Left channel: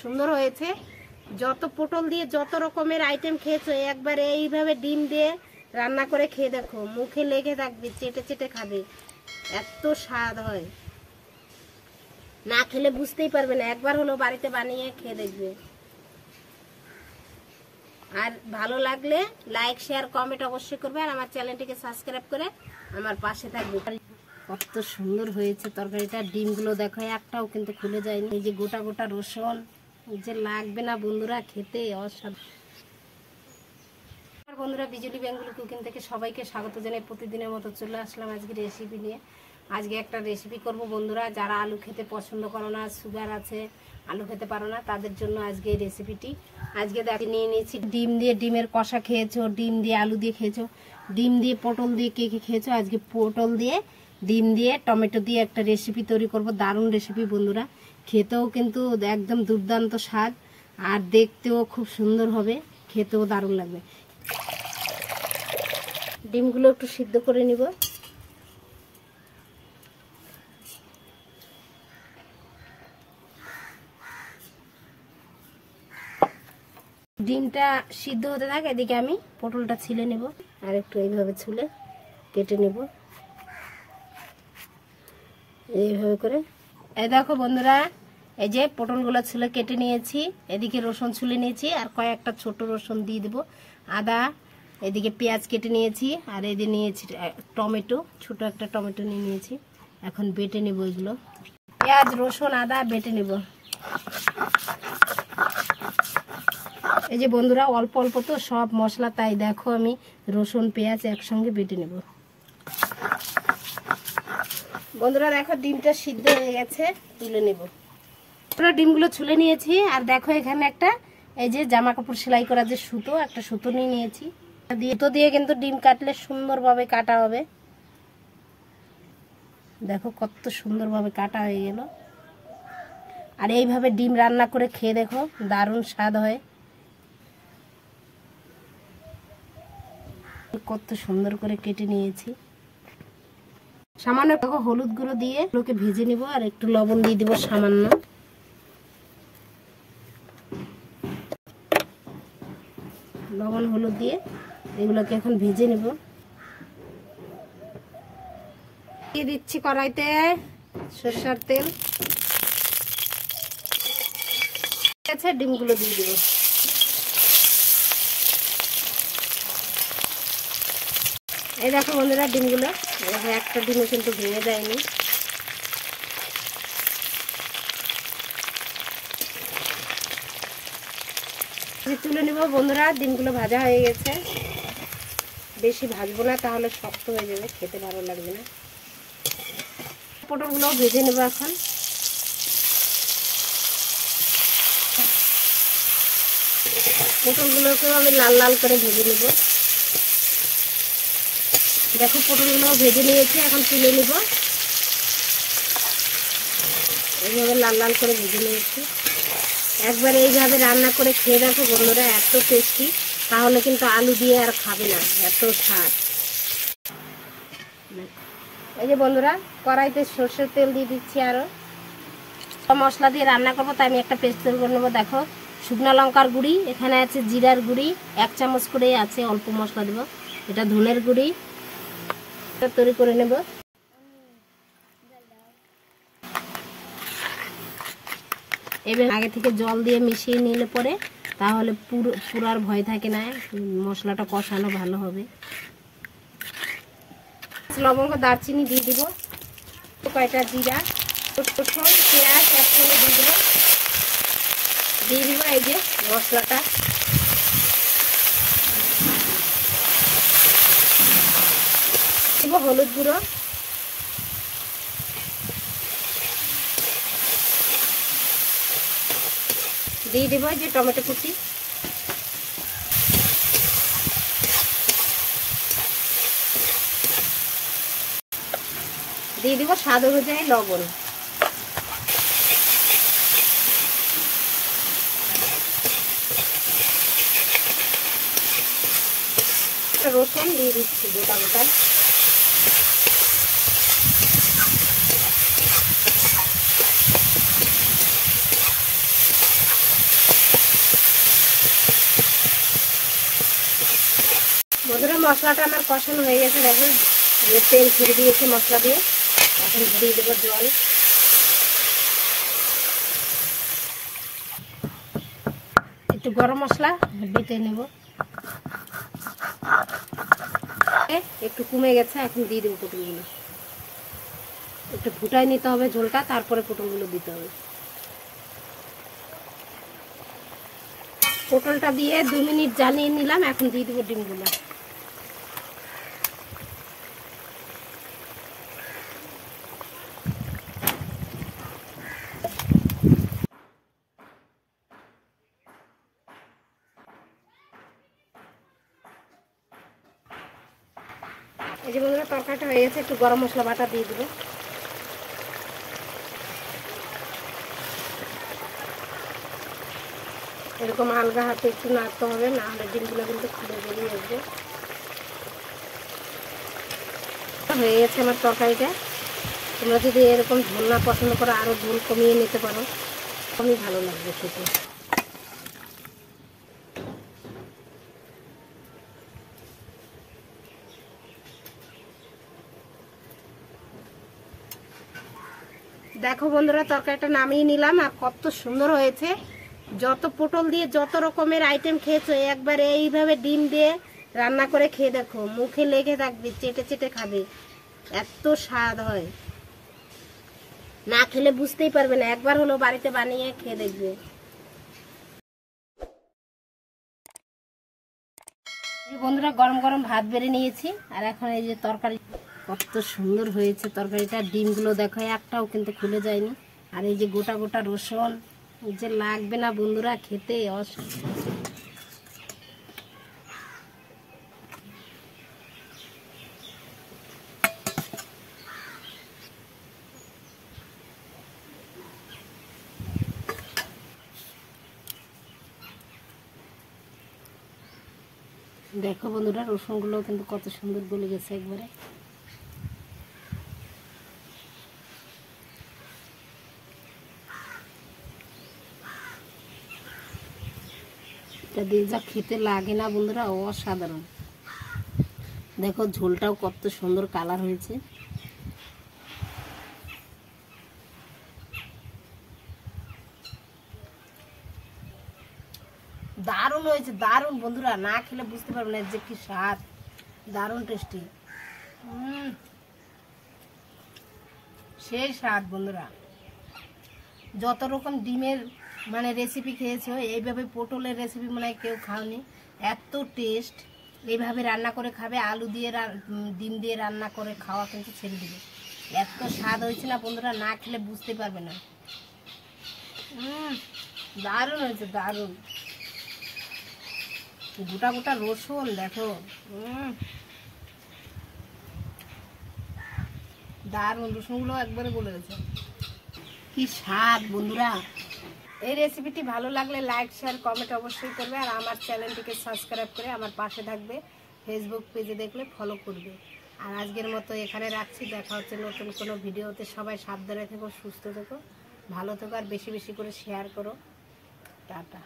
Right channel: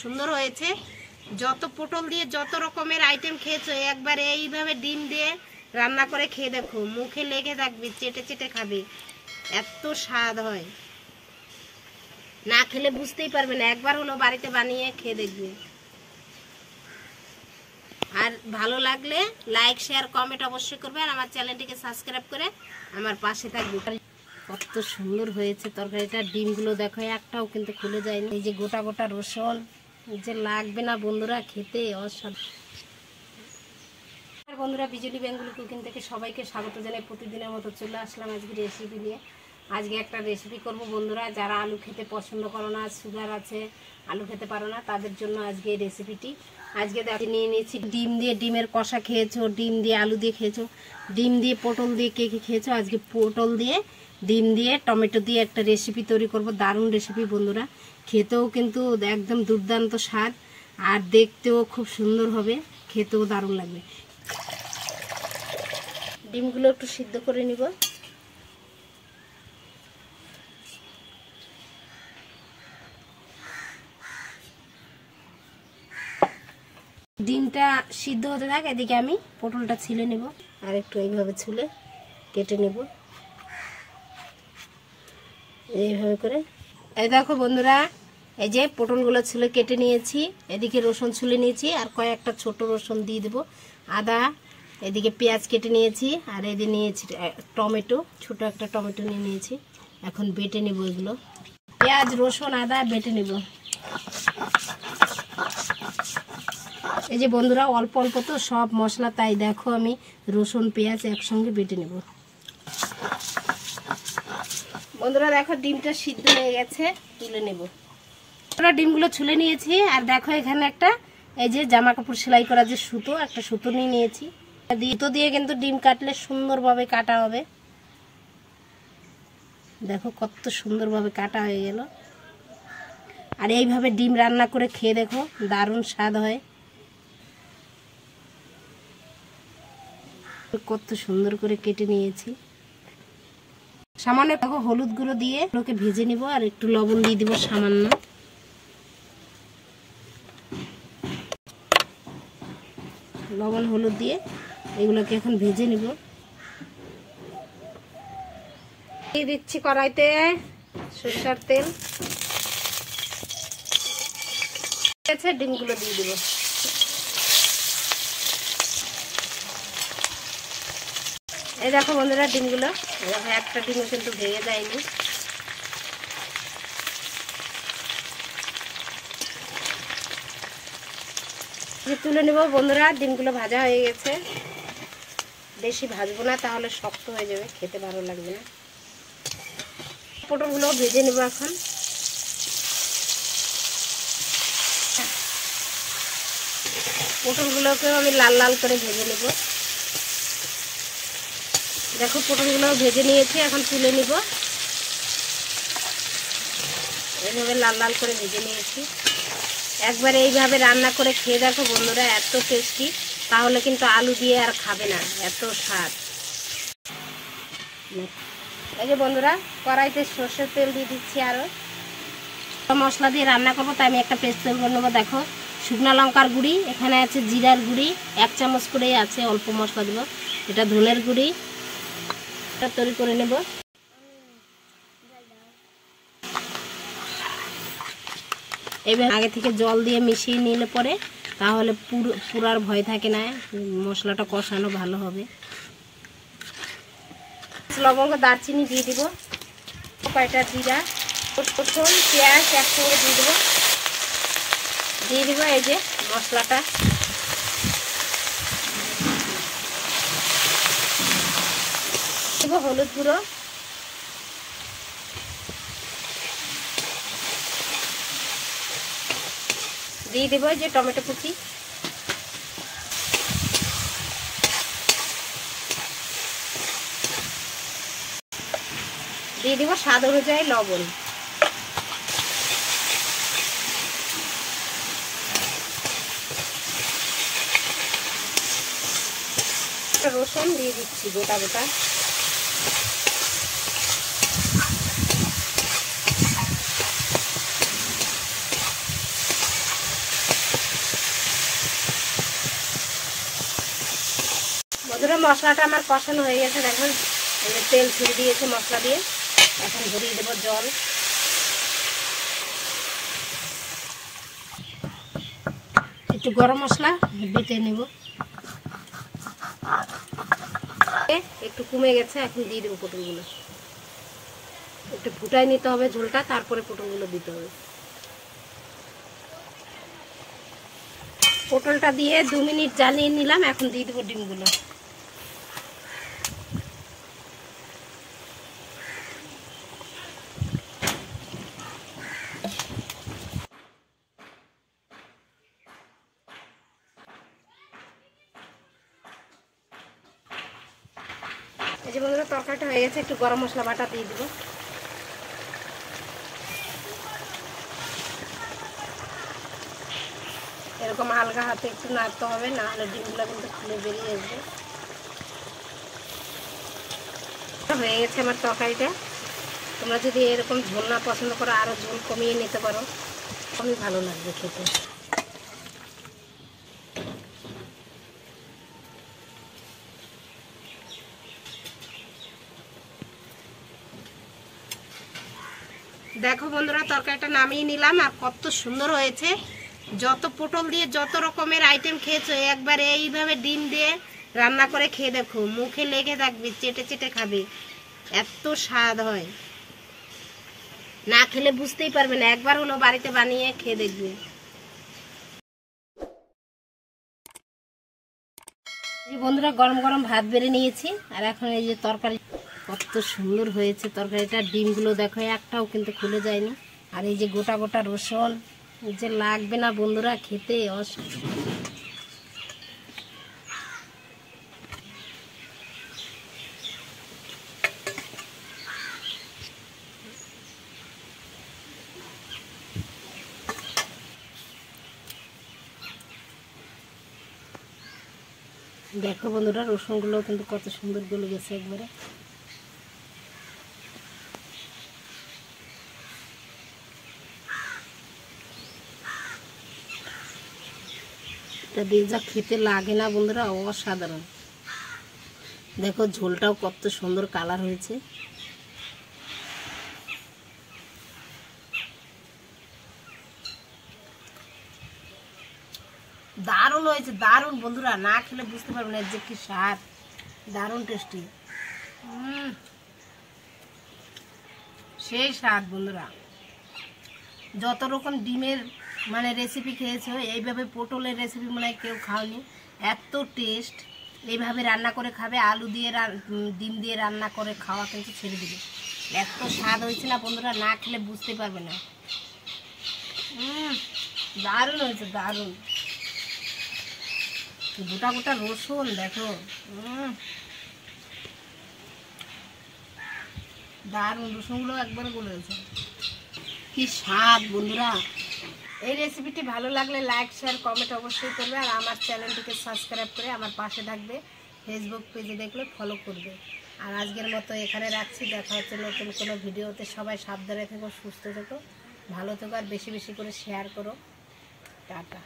সুন্দর হয়েছে। যত পটল দিয়ে যত রকমের আইটেম খেয়েছো, একবার এইভাবে ডিম দিয়ে রান্না করে খেয়ে দেখো, মুখে লেগে থাকবে, চেটে চেটে খাবে, এত স্বাদ হয়। না খেলে বুঝতেই পারবে না, একবার হলো বাড়িতে বানিয়ে খেয়ে দেখবে। আর ভালো লাগলে লাইক শেয়ার কমেন্ট অবশ্যই করবে, আর আমার চ্যানেলটিকে সাবস্ক্রাইব করে আমার পাশে থাকবে। কত সুন্দর হয়েছে তরকারিটা। ডিমগুলো দেখো একটাও কিন্তু খুলে যায়নি। এই যে গোটা গোটা রসুন যে লাগবে না বন্ধুরা, খেতে অসাধারণ। বন্ধুরা, বিজলি বেঙ্গলি কুকিং থেকে সবাইকে স্বাগত জানাই। প্রতিদিনের মতো চলে আসলাম আজকে রেসিপি নিয়ে। আজকে একটা রেসিপি করব বন্ধুরা, যারা আলু খেতে পছন্দ করো না, সুগার আছে, আলু খেতে পারো না, তাদের জন্য আজকে এই রেসিপিটি। আজকে দেখো নিয়ে নিয়েছি ডিম দিয়ে। ডিমের কষা খেয়েছো, ডিম দিয়ে আলু দিয়ে খেয়েছো, ডিম দিয়ে পটল দিয়ে কে কে খেয়েছো। আজকে পটল দিয়ে, ডিম দিয়ে, টমেটো দিয়ে একটা রেসিপি তৈরি করব। দারুণ রেসিপি বন্ধুরা, খেতেও কিন্তু একদম দুর্দান্ত স্বাদ, আর দেখতেও খুব সুন্দর হবে, খেতেও দারুণ লাগবে। ডিমগুলো একটু সিদ্ধ করে নিব। ডিমটা সিদ্ধ হতে থাকে, এদিকে আমি পটলটা ছিলে নেব, আর একটু এইভাবে ছুলে কেটে নেব এইভাবে করে। এই দেখো বন্ধুরা, এই যে পটলগুলো ছুলে কেটে নিয়েছি, এদিকে রসুন ছুলে নিয়েছি, আর কয়েকটা ছোট রসুন দিয়ে দেবো, আদা, এদিকে পেঁয়াজ কেটে নিয়েছি, আর এদিকে নিয়েছি টমেটো, ছোট একটা টমেটো নিয়ে নিয়েছি। এখন বেটে নেব এগুলো, পেঁয়াজ রসুন আদা বেটে নেব। এই যে বন্ধুরা, অল্প অল্প তো সব মশলা, তাই দেখো আমি রসুন পেঁয়াজ একসঙ্গে বেটে নেব। বন্ধুরা দেখো ডিমটা সিদ্ধ হয়ে গেছে, তুলে নেব। ডিমগুলো ছুলে নিয়েছি, আর দেখো এখানে একটা এই যে জামা কাপড় সেলাই করা যে সুতো, একটা সুতো নিয়ে নিয়েছি। সুতো দিয়ে কিন্তু ডিম কাটলে সুন্দরভাবে কাটা হবে। দেখো কত সুন্দরভাবে কাটা হয়ে গেল। আর এইভাবে ডিম রান্না করে খেয়ে দেখো, দারুণ স্বাদ হয়। কত সুন্দর করে কেটে নিয়েছি। সামান্য দেখো হলুদ গুঁড়ো দিয়ে ওকে ভেজে নিব, আর একটু লবণ দিয়ে দিব সামান্য। লবণ হলুদ দিয়ে এগুলোকে এখন ভেজে নিব। দিয়ে দিচ্ছি কড়াইতে সরষের তেল, ডিমগুলো দিয়ে দিব। এই দেখো বন্ধুরা ডিমগুলো, একটা ডিমও কিন্তু ভেঙে যায়নি। তুলে নেব বন্ধুরা, ডিমগুলো ভাজা হয়ে গেছে। বেশি ভাজবো না, তাহলে শক্ত হয়ে যাবে, খেতে ভালো লাগবে না। পটলগুলো ভেজে নেব এখন। পটলগুলোকেও আমি লাল লাল করে ভেজে নেব। দেখো পটলগুলো ভেজে নিয়েছি, এখন তুলে নিব। এইভাবে লাল লাল করে ভেজে নিয়েছি। একবার এইভাবে রান্না করে খেয়ে দেখো বন্ধুরা, এত টেস্টি, তাহলে কিন্তু আলু দিয়ে আর খাবে না, এত স্বাদ। এই যে বন্ধুরা, কড়াইতে সরষের তেল দিয়ে দিচ্ছি, আরও মশলা দিয়ে রান্না করবো, তাই আমি একটা পেস্ট তৈরি করে নেবো। দেখো শুকনো লঙ্কার গুঁড়ি, এখানে আছে জিরার গুঁড়ি 1 চামচ করেই আছে, অল্প মশলা দেবো। এটা ধনের গুঁড়ি, এটা তৈরি করে নেব। এবার আগে থেকে জল দিয়ে মিশিয়ে নিলে পরে তাহলে পুরার ভয় থাকে না, মশলাটা কষানো ভালো হবে। লবঙ্গ দারচিনি দিয়ে দিব, কয়টা জিরা, রসুন পেঁয়াজ একসঙ্গে দিয়ে দেবো। দিয়ে দিব এই যে মশলাটা, দিব হলুদ গুঁড়ো, দিয়ে দিব যে টমেটো কুচি, দিয়ে দিব স্বাদ অনুযায়ী লবণ। রসুন দিয়ে দিচ্ছি গোটা গোটা। মশলাটা আমার কষানো হয়ে গেছে, দেখুন তেল ছেড়ে দিয়েছে মশলা দিয়ে। এখন ধরিয়ে দেবো জল। একটু গরম মশলা বেটে নেব, একটু কমে গেছে। এখন দিয়ে দেবো পটলগুলো, একটু ফুটাই নিতে হবে ঝোলটা, তারপরে পটলগুলো দিতে হবে। পটলটা দিয়ে 2 মিনিট জ্বালিয়ে নিলাম। এখন দিয়ে দেবো ডিমগুলো। এই যে বন্ধুরা তরকারিটা হয়ে গেছে, একটু গরম মশলা বাটা দিয়ে দেবো। এরকম হালকা হাতে একটু নাড়তে হবে, না হলে ডিমগুলো কিন্তু খুলে বেরিয়ে আসবে। হয়ে গেছে আমার তরকারিটা। তোমরা যদি এরকম ঝোল না পছন্দ করো, আরও ঝোল কমিয়ে নিতে পারো, খুবই ভালো লাগবে খেতে। দেখো বন্ধুরা তরকারিটা নামিয়ে নিলাম, আর কত সুন্দর হয়েছে। যত পটল দিয়ে যত রকমের আইটেম খেয়েছো, একবার এইভাবে ডিম দিয়ে রান্না করে খেয়ে দেখো, মুখে লেগে থাকবে, চেটে চেটে খাবে, এত স্বাদ হয়। না খেলে বুঝতেই পারবে না, একবার হলো বাড়িতে বানিয়ে খেয়ে দেখবে। এই বন্ধুরা গরম গরম ভাত বেড়ে নিয়েছি, আর এখন এই যে তরকারি কত সুন্দর হয়েছে তরকারিটা। ডিমগুলো দেখো একটাও কিন্তু খুলে যায়নি। আর এই যে গোটা গোটা রসুন যে লাগবে না বন্ধুরা খেতে, দেখো বন্ধুরা রসুনগুলো কিন্তু কত সুন্দর গলে গেছে একবারে। দিয়ে যা খেতে লাগে না বন্ধুরা, অসাধারণ। দেখো ঝোলটাও কত সুন্দর কালার হয়েছে। দারুণ হয়েছে, দারুণ বন্ধুরা, না খেলে বুঝতে পারবে না যে কি স্বাদ, দারুণ টেস্টি। সেই স্বাদ বন্ধুরা। যত রকম ডিমের মানে রেসিপি খেয়েছো, এইভাবে পটলের রেসিপি মনে হয় কেউ খাওনি, এত টেস্ট। এইভাবে রান্না করে খাবে, আলু দিয়ে ডিম দিয়ে রান্না করে খাওয়া কিন্তু ছেড়ে দিবে, এত স্বাদ হয়েছে না বন্ধুরা, না খেলে বুঝতে পারবে না। দারুণ হয়েছে, দারুণ। গোটা গোটা রসুন দেখো, দারুণ, রসুনগুলো একবারে গলে গেছে, কি স্বাদ বন্ধুরা। এই রেসিপিটি ভালো লাগলে লাইক শেয়ার কমেন্ট অবশ্যই করবে, আর আমার চ্যানেলটিকে সাবস্ক্রাইব করে আমার পাশে থাকবে। ফেসবুক পেজে দেখলে ফলো করবে। আর আজকের মতো এখানে রাখছি, দেখা হচ্ছে নতুন কোনো ভিডিওতে। সবাই সাবধানে থেকো, সুস্থ থেকো, ভালো থেকো, আর বেশি বেশি করে শেয়ার করো। টাটা।